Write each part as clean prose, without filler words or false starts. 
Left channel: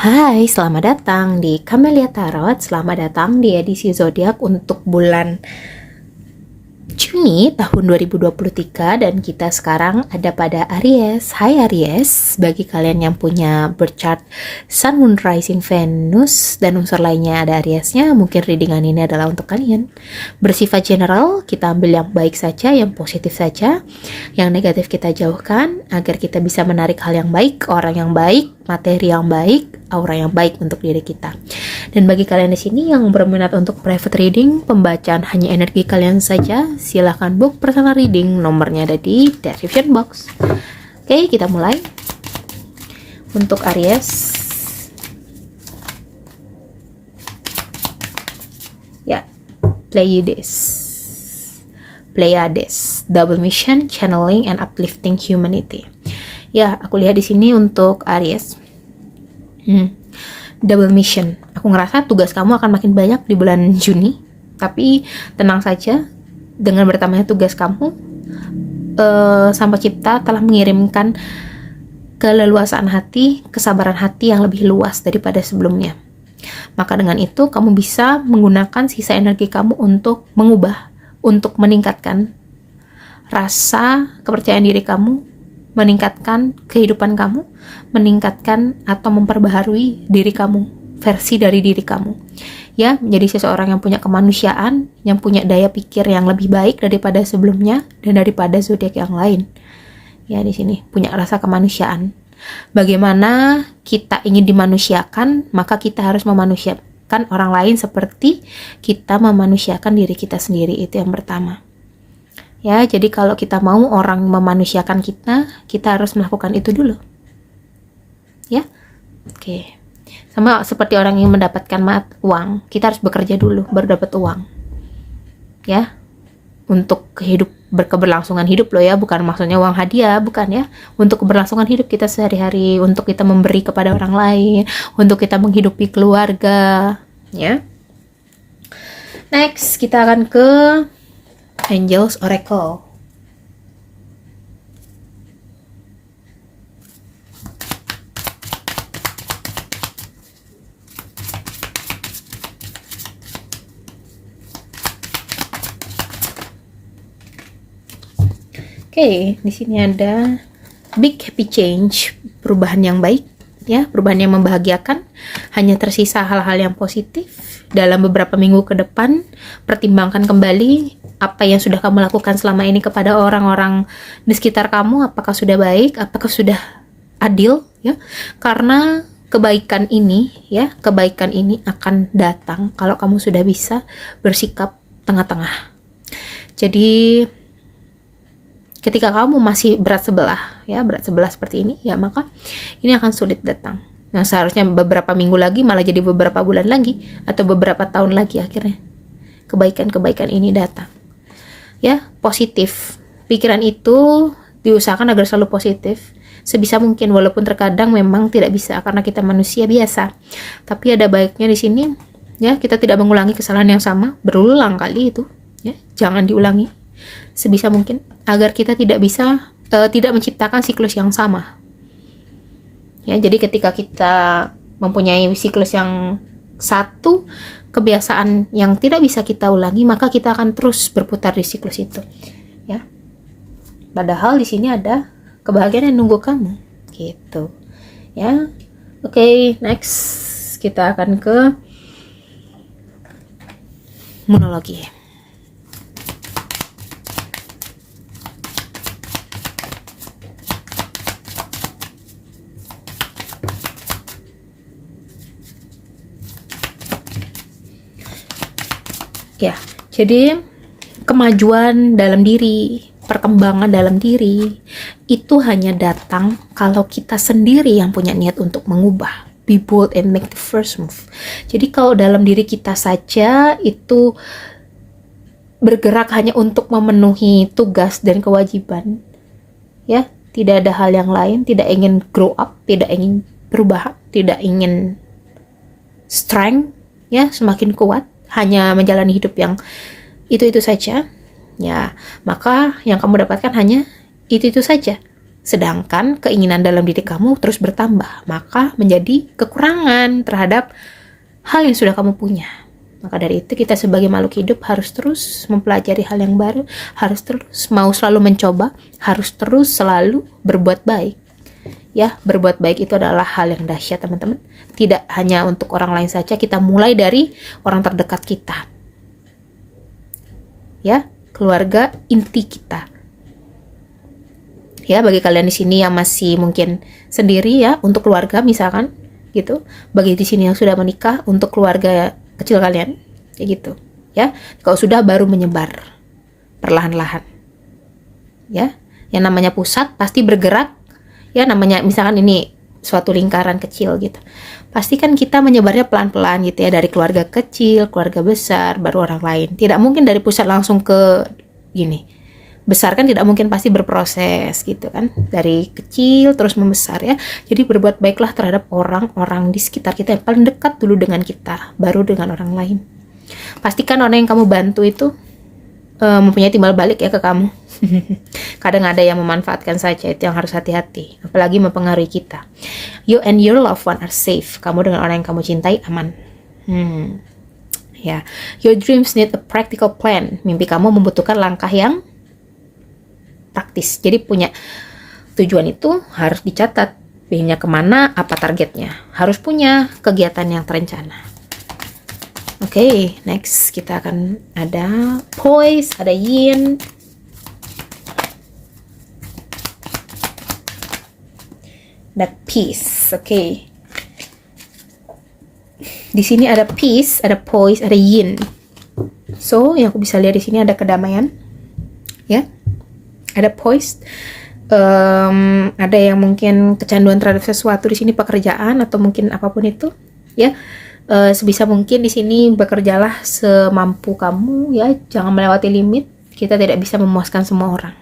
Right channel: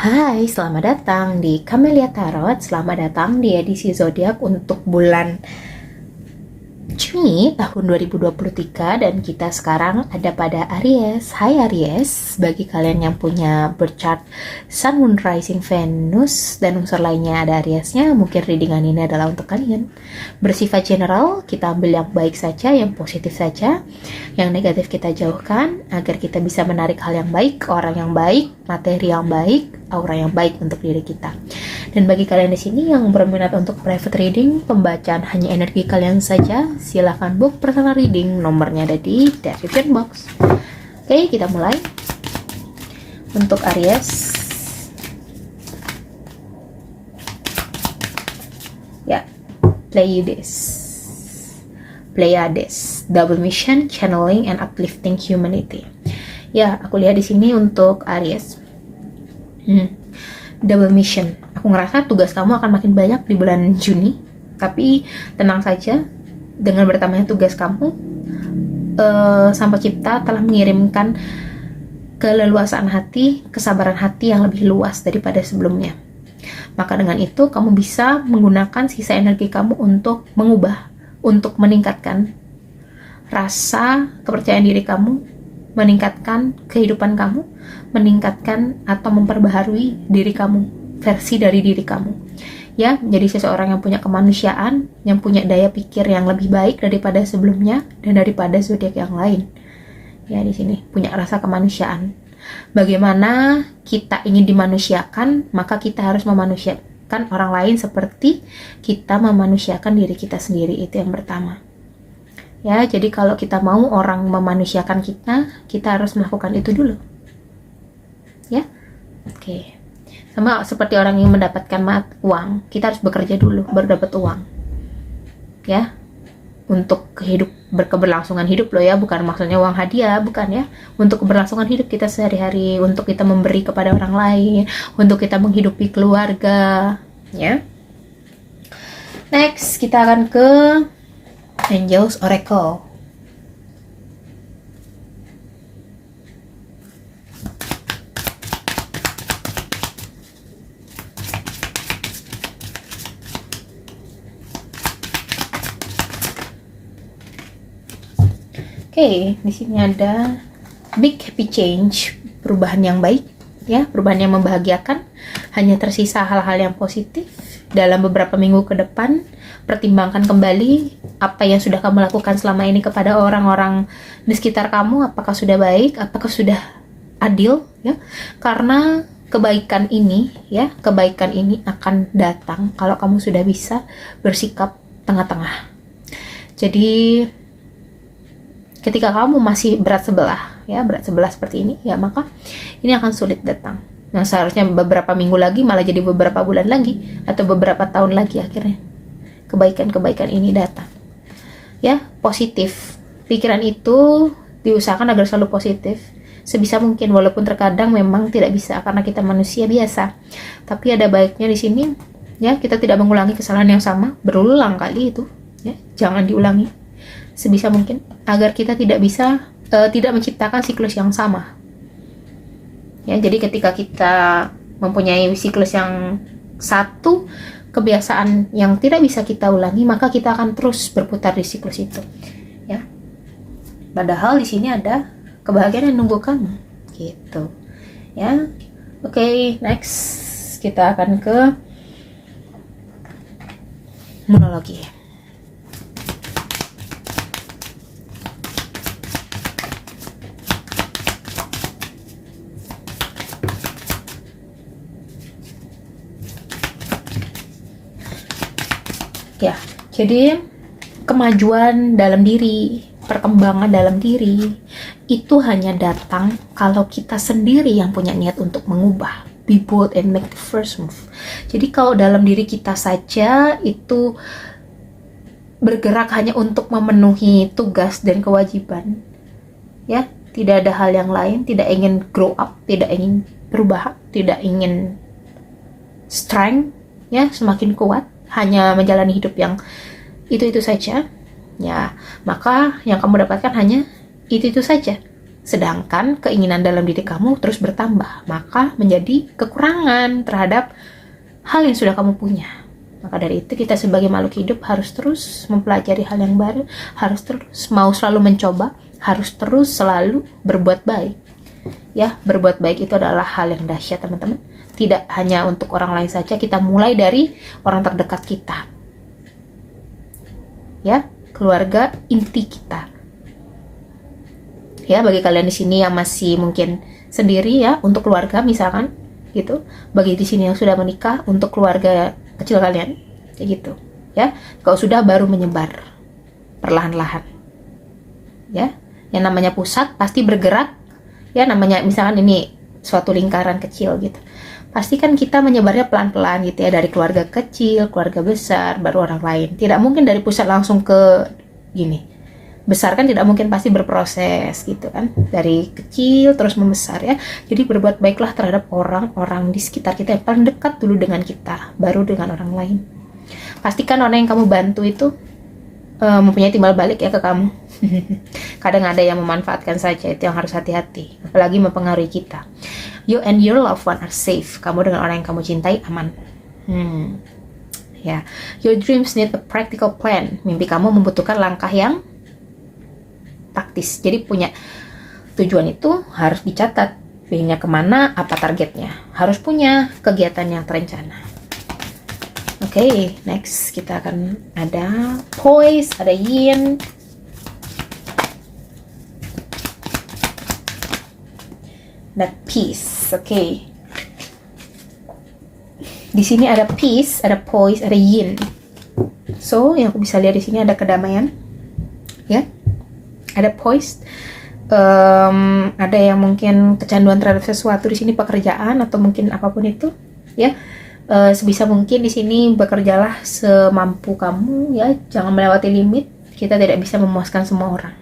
Hai, selamat datang di Camelia Tarot. Selamat datang di edisi zodiak untuk bulan Juni tahun 2023 dan kita sekarang ada pada Aries. Hai Aries, bagi kalian yang punya birth chart Sun, Moon, Rising, Venus dan unsur lainnya ada Ariesnya, mungkin readingan ini adalah untuk kalian. Bersifat general, kita ambil yang baik saja, yang positif saja, yang negatif kita jauhkan agar kita bisa menarik hal yang baik, orang yang baik, materi yang baik, aura yang baik untuk diri kita. Dan bagi kalian di sini yang berminat untuk private reading, pembacaan hanya energi kalian saja, silahkan book personal reading, nomornya ada di description box. Oke, kita mulai. Untuk Aries, ya, Pleiades, double mission, channeling and uplifting humanity. Ya, aku lihat di sini untuk Aries. Double mission. Aku ngerasa tugas kamu akan makin banyak di bulan Juni. Tapi tenang saja, dengan bertambahnya tugas kamu, Sang Pencipta telah mengirimkan keleluasaan hati, kesabaran hati yang lebih luas daripada sebelumnya. Maka dengan itu kamu bisa menggunakan sisa energi kamu untuk mengubah, untuk meningkatkan rasa kepercayaan diri kamu, meningkatkan kehidupan kamu, meningkatkan atau memperbaharui diri kamu, versi dari diri kamu. Ya, menjadi seseorang yang punya kemanusiaan, yang punya daya pikir yang lebih baik daripada sebelumnya dan daripada zodiak yang lain. Ya, di sini punya rasa kemanusiaan. Bagaimana kita ingin dimanusiakan, maka kita harus memanusiakan orang lain seperti kita memanusiakan diri kita sendiri. Itu yang pertama. Ya, jadi kalau kita mau orang memanusiakan kita harus melakukan itu dulu. Ya, oke. Sama seperti orang yang mendapatkan uang, kita harus bekerja dulu baru dapat uang. Ya, untuk berkeberlangsungan hidup loh ya, bukan maksudnya uang hadiah, bukan ya. Untuk keberlangsungan hidup kita sehari-hari, untuk kita memberi kepada orang lain, untuk kita menghidupi keluarga. Ya. Next, kita akan ke Angels Oracle. Oke, di sini ada big happy change, perubahan yang baik, ya, perubahan yang membahagiakan. Hanya tersisa hal-hal yang positif. Dalam beberapa minggu ke depan, pertimbangkan kembali apa yang sudah kamu lakukan selama ini kepada orang-orang di sekitar kamu, apakah sudah baik, apakah sudah adil, ya. Karena kebaikan ini akan datang kalau kamu sudah bisa bersikap tengah-tengah. Jadi ketika kamu masih berat sebelah seperti ini, ya maka ini akan sulit datang. Yang seharusnya beberapa minggu lagi malah jadi beberapa bulan lagi atau beberapa tahun lagi akhirnya kebaikan-kebaikan ini datang. Ya, positif. Pikiran itu diusahakan agar selalu positif sebisa mungkin, walaupun terkadang memang tidak bisa karena kita manusia biasa. Tapi ada baiknya di sini, ya, kita tidak mengulangi kesalahan yang sama berulang kali itu, ya. Jangan diulangi sebisa mungkin agar kita tidak menciptakan siklus yang sama. Ya, jadi ketika kita mempunyai siklus yang satu, kebiasaan yang tidak bisa kita ulangi, maka kita akan terus berputar di siklus itu. Ya. Padahal di sini ada kebahagiaan yang nunggu kamu, gitu. Ya. Oke, next kita akan ke monologi. Ya, jadi kemajuan dalam diri, perkembangan dalam diri itu hanya datang kalau kita sendiri yang punya niat untuk mengubah. Be bold and make the first move. Jadi kalau dalam diri kita saja itu bergerak hanya untuk memenuhi tugas dan kewajiban, ya, tidak ada hal yang lain, tidak ingin grow up, tidak ingin berubah, tidak ingin strength, ya, semakin kuat, hanya menjalani hidup yang itu saja, ya, maka yang kamu dapatkan hanya itu saja. Sedangkan keinginan dalam diri kamu terus bertambah, maka menjadi kekurangan terhadap hal yang sudah kamu punya. Maka dari itu kita sebagai makhluk hidup harus terus mempelajari hal yang baru, harus terus mau selalu mencoba, harus terus selalu berbuat baik. Ya, berbuat baik itu adalah hal yang dahsyat, teman-teman. Tidak hanya untuk orang lain saja, kita mulai dari orang terdekat kita. Ya, keluarga inti kita. Ya, bagi kalian di sini yang masih mungkin sendiri ya, untuk keluarga misalkan gitu. Bagi di sini yang sudah menikah, untuk keluarga kecil kalian kayak gitu. Ya, kalau sudah baru menyebar perlahan-lahan. Ya, yang namanya pusat pasti bergerak. Ya, namanya misalkan ini suatu lingkaran kecil gitu. Pasti kan kita menyebarnya pelan-pelan gitu ya, dari keluarga kecil, keluarga besar, baru orang lain. Tidak mungkin dari pusat langsung ke gini. Besar kan tidak mungkin, pasti berproses gitu kan, dari kecil terus membesar ya. Jadi berbuat baiklah terhadap orang-orang di sekitar kita yang paling dekat dulu dengan kita, baru dengan orang lain. Pastikan orang yang kamu bantu itu mempunyai timbal balik ya ke kamu. Kadang ada yang memanfaatkan saja, itu yang harus hati-hati, apalagi mempengaruhi kita. You and your loved one are safe. Kamu dengan orang yang kamu cintai aman. Ya, your dreams need a practical plan. Mimpi kamu membutuhkan langkah yang praktis. Jadi punya tujuan itu harus dicatat. Pengennya kemana, apa targetnya. Harus punya kegiatan yang terencana. Oke, next kita akan ada poise, ada yin. Ada peace. Oke. Di sini ada peace, ada poise, ada yin. So, yang aku bisa lihat di sini ada kedamaian. Ya. Ada poise, ada yang mungkin kecanduan terhadap sesuatu di sini, pekerjaan atau mungkin apapun itu, ya. Sebisa mungkin di sini bekerjalah semampu kamu, ya. Jangan melewati limit. Kita tidak bisa memuaskan semua orang.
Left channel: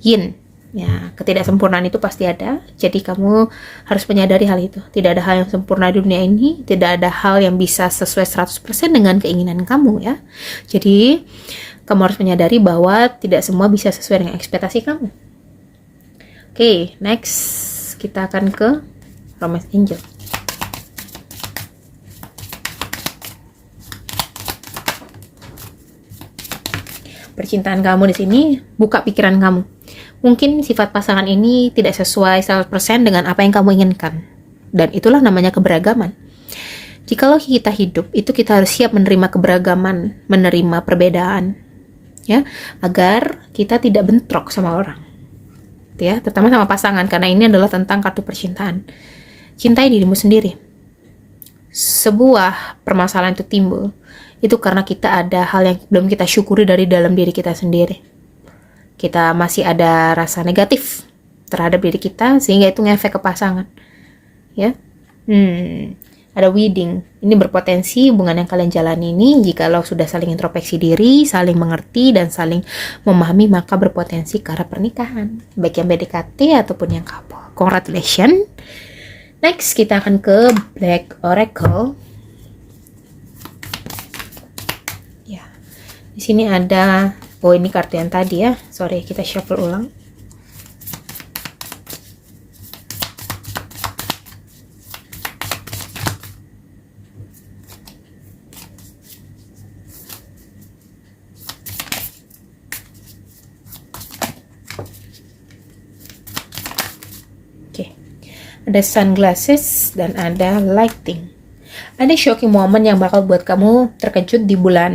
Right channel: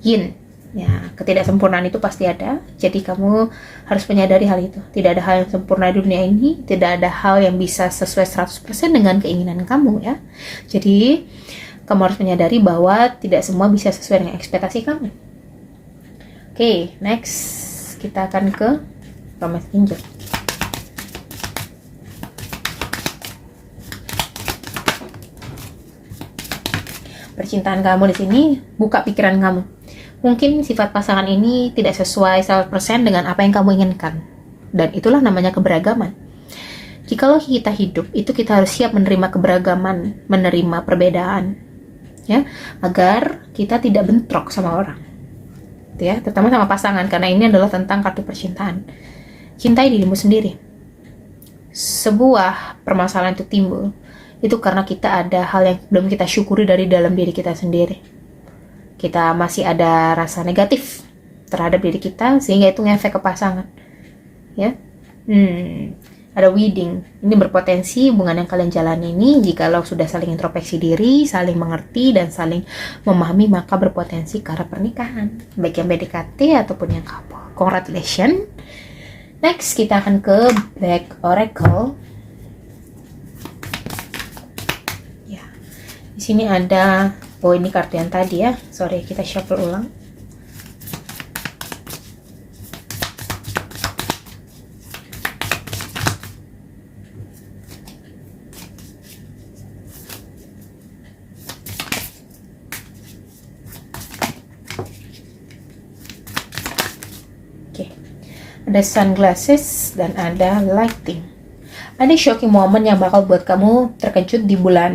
Yin, ya, ketidaksempurnaan itu pasti ada. Jadi kamu harus menyadari hal itu. Tidak ada hal yang sempurna di dunia ini. Tidak ada hal yang bisa sesuai 100% dengan keinginan kamu, ya. Jadi kamu harus menyadari bahwa tidak semua bisa sesuai dengan ekspektasi kamu. Oke, next kita akan ke Romance Angel. Percintaan kamu di sini, buka pikiran kamu. Mungkin sifat pasangan ini tidak sesuai 100% dengan apa yang kamu inginkan. Dan itulah namanya keberagaman. Jikalau kita hidup, itu kita harus siap menerima keberagaman, menerima perbedaan. Ya, agar kita tidak bentrok sama orang, ya, terutama sama pasangan, karena ini adalah tentang kartu percintaan. Cintai dirimu sendiri. Sebuah permasalahan itu timbul, itu karena kita ada hal yang belum kita syukuri dari dalam diri kita sendiri. Kita masih ada rasa negatif terhadap diri kita, sehingga itu ngefek ke pasangan. Ya, ada wedding. Ini berpotensi hubungan yang kalian jalani ini, jikalau sudah saling introspeksi diri, saling mengerti, dan saling memahami, maka berpotensi ke arah pernikahan. Baik yang PDKT ataupun yang couple. Congratulations. Next, kita akan ke Black Oracle. Ya, di sini ada, ini kartu yang tadi ya. Sorry, kita shuffle ulang. Ada sunglasses dan ada lighting. Ada shocking moment yang bakal buat kamu terkejut di bulan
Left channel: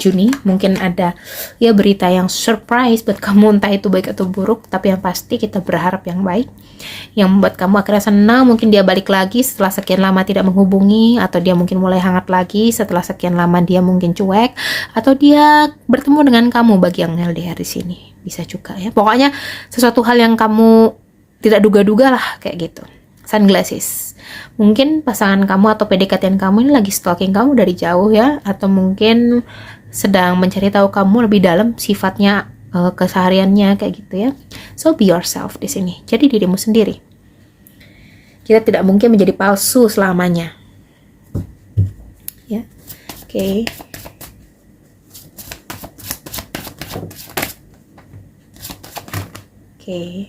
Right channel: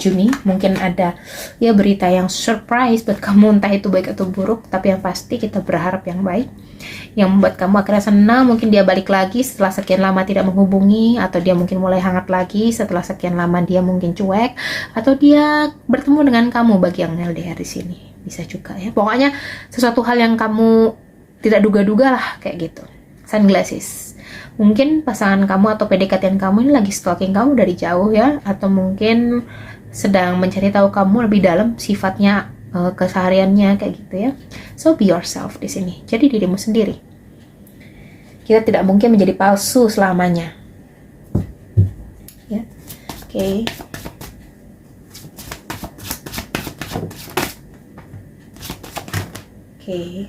Juni. Mungkin ada ya berita yang surprise buat kamu, entah itu baik atau buruk, tapi yang pasti kita berharap yang baik, yang membuat kamu akhirnya senang. Mungkin dia balik lagi setelah sekian lama tidak menghubungi, atau dia mungkin mulai hangat lagi setelah sekian lama dia mungkin cuek, atau dia bertemu dengan kamu bagi yang LDR di sini. Bisa juga ya. Pokoknya sesuatu hal yang kamu tidak duga-duga lah kayak gitu. Sunglasses. Mungkin pasangan kamu atau PDKT kamu ini lagi stalking kamu dari jauh ya, atau mungkin sedang mencari tahu kamu lebih dalam sifatnya, kesehariannya kayak gitu ya. So be yourself di sini. Jadi dirimu sendiri. Kita tidak mungkin menjadi palsu selamanya. Ya. Oke. Oke.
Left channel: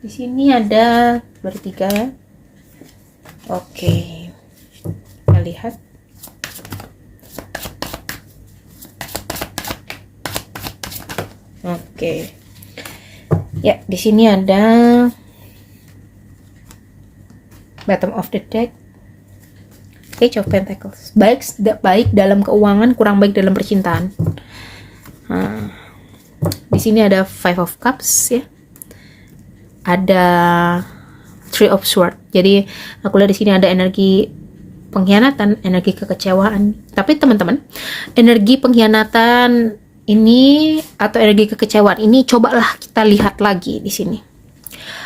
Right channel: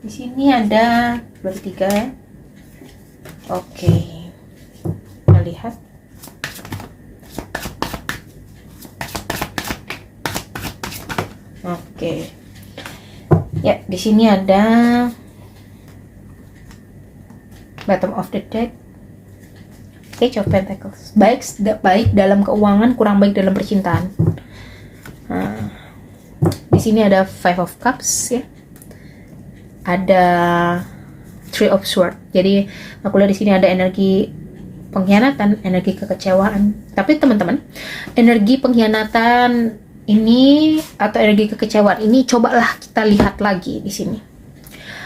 Di sini ada bertiga. Oke, kita lihat. Oke, ya di sini ada bottom of the deck, Page of Pentacles. Baik baik dalam keuangan, kurang baik dalam percintaan. Di sini ada Five of Cups ya. Ada Three of Swords. Jadi aku lihat di sini ada energi pengkhianatan, energi kekecewaan. Tapi teman-teman, energi pengkhianatan ini atau energi kekecewaan ini cobalah kita lihat lagi di sini.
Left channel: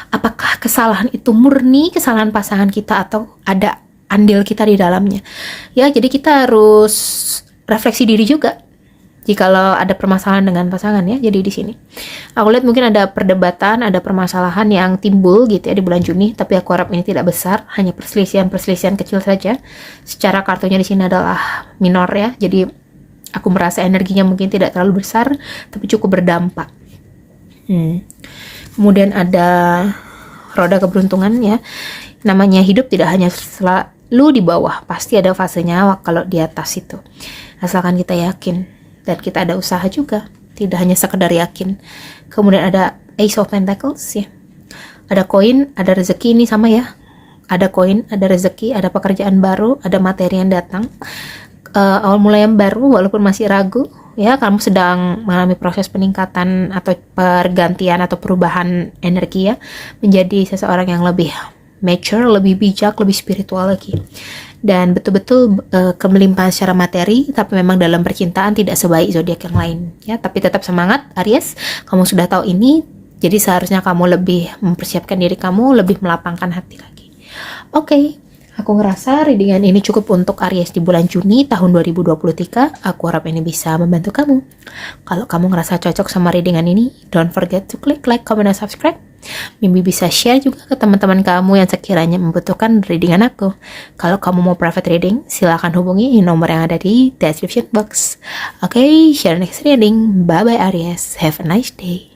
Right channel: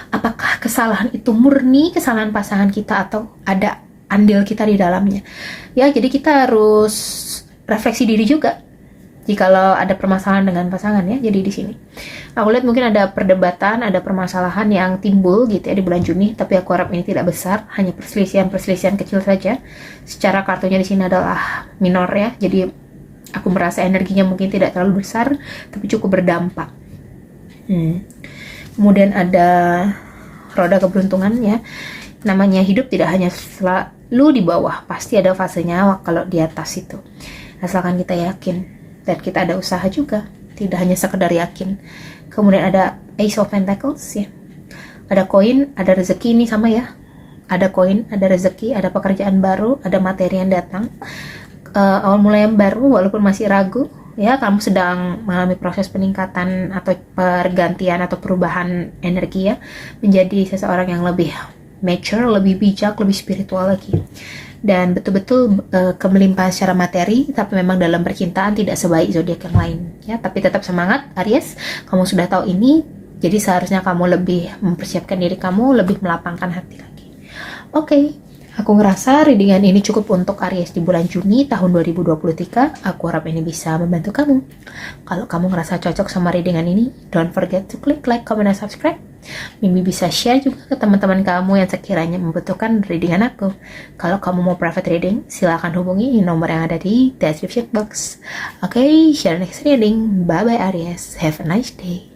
Apakah kesalahan itu murni kesalahan pasangan kita atau ada andil kita di dalamnya? Ya, jadi kita harus refleksi diri juga jikalau ada permasalahan dengan pasangan ya. Jadi di sini aku lihat mungkin ada perdebatan, ada permasalahan yang timbul gitu ya di bulan Juni, tapi aku harap ini tidak besar, hanya perselisihan kecil saja. Secara kartunya di sini adalah minor ya. Jadi aku merasa energinya mungkin tidak terlalu besar, tapi cukup berdampak. Kemudian ada roda keberuntungan ya. Namanya hidup tidak hanya selalu di bawah, pasti ada fasenya kalau di atas itu. Asalkan kita yakin dan kita ada usaha juga, tidak hanya sekedar yakin. Kemudian ada Ace of Pentacles ya. Ada koin, ada rezeki, ini sama ya. Ada koin, ada rezeki, ada pekerjaan baru, ada materi yang datang. Awal mulai yang baru walaupun masih ragu ya, kamu sedang mengalami proses peningkatan atau pergantian atau perubahan energi ya, menjadi seseorang yang lebih mature, lebih bijak, lebih spiritual lagi, dan betul-betul kemelimpahan secara materi. Tapi memang dalam percintaan tidak sebaik zodiak yang lain ya, tapi tetap semangat Aries, kamu sudah tahu ini, jadi seharusnya kamu lebih mempersiapkan diri kamu, lebih melapangkan hati lagi. Oke. Aku ngerasa readingan ini cukup untuk Aries di bulan Juni tahun 2023. Aku harap ini bisa membantu kamu. Kalau kamu ngerasa cocok sama readingan ini, don't forget to click like, comment, dan subscribe. Mimi bisa share juga ke teman-teman kamu yang sekiranya membutuhkan readingan aku. Kalau kamu mau private reading, silakan hubungi nomor yang ada di description box. Oke, share next reading. Bye-bye Aries. Have a nice day.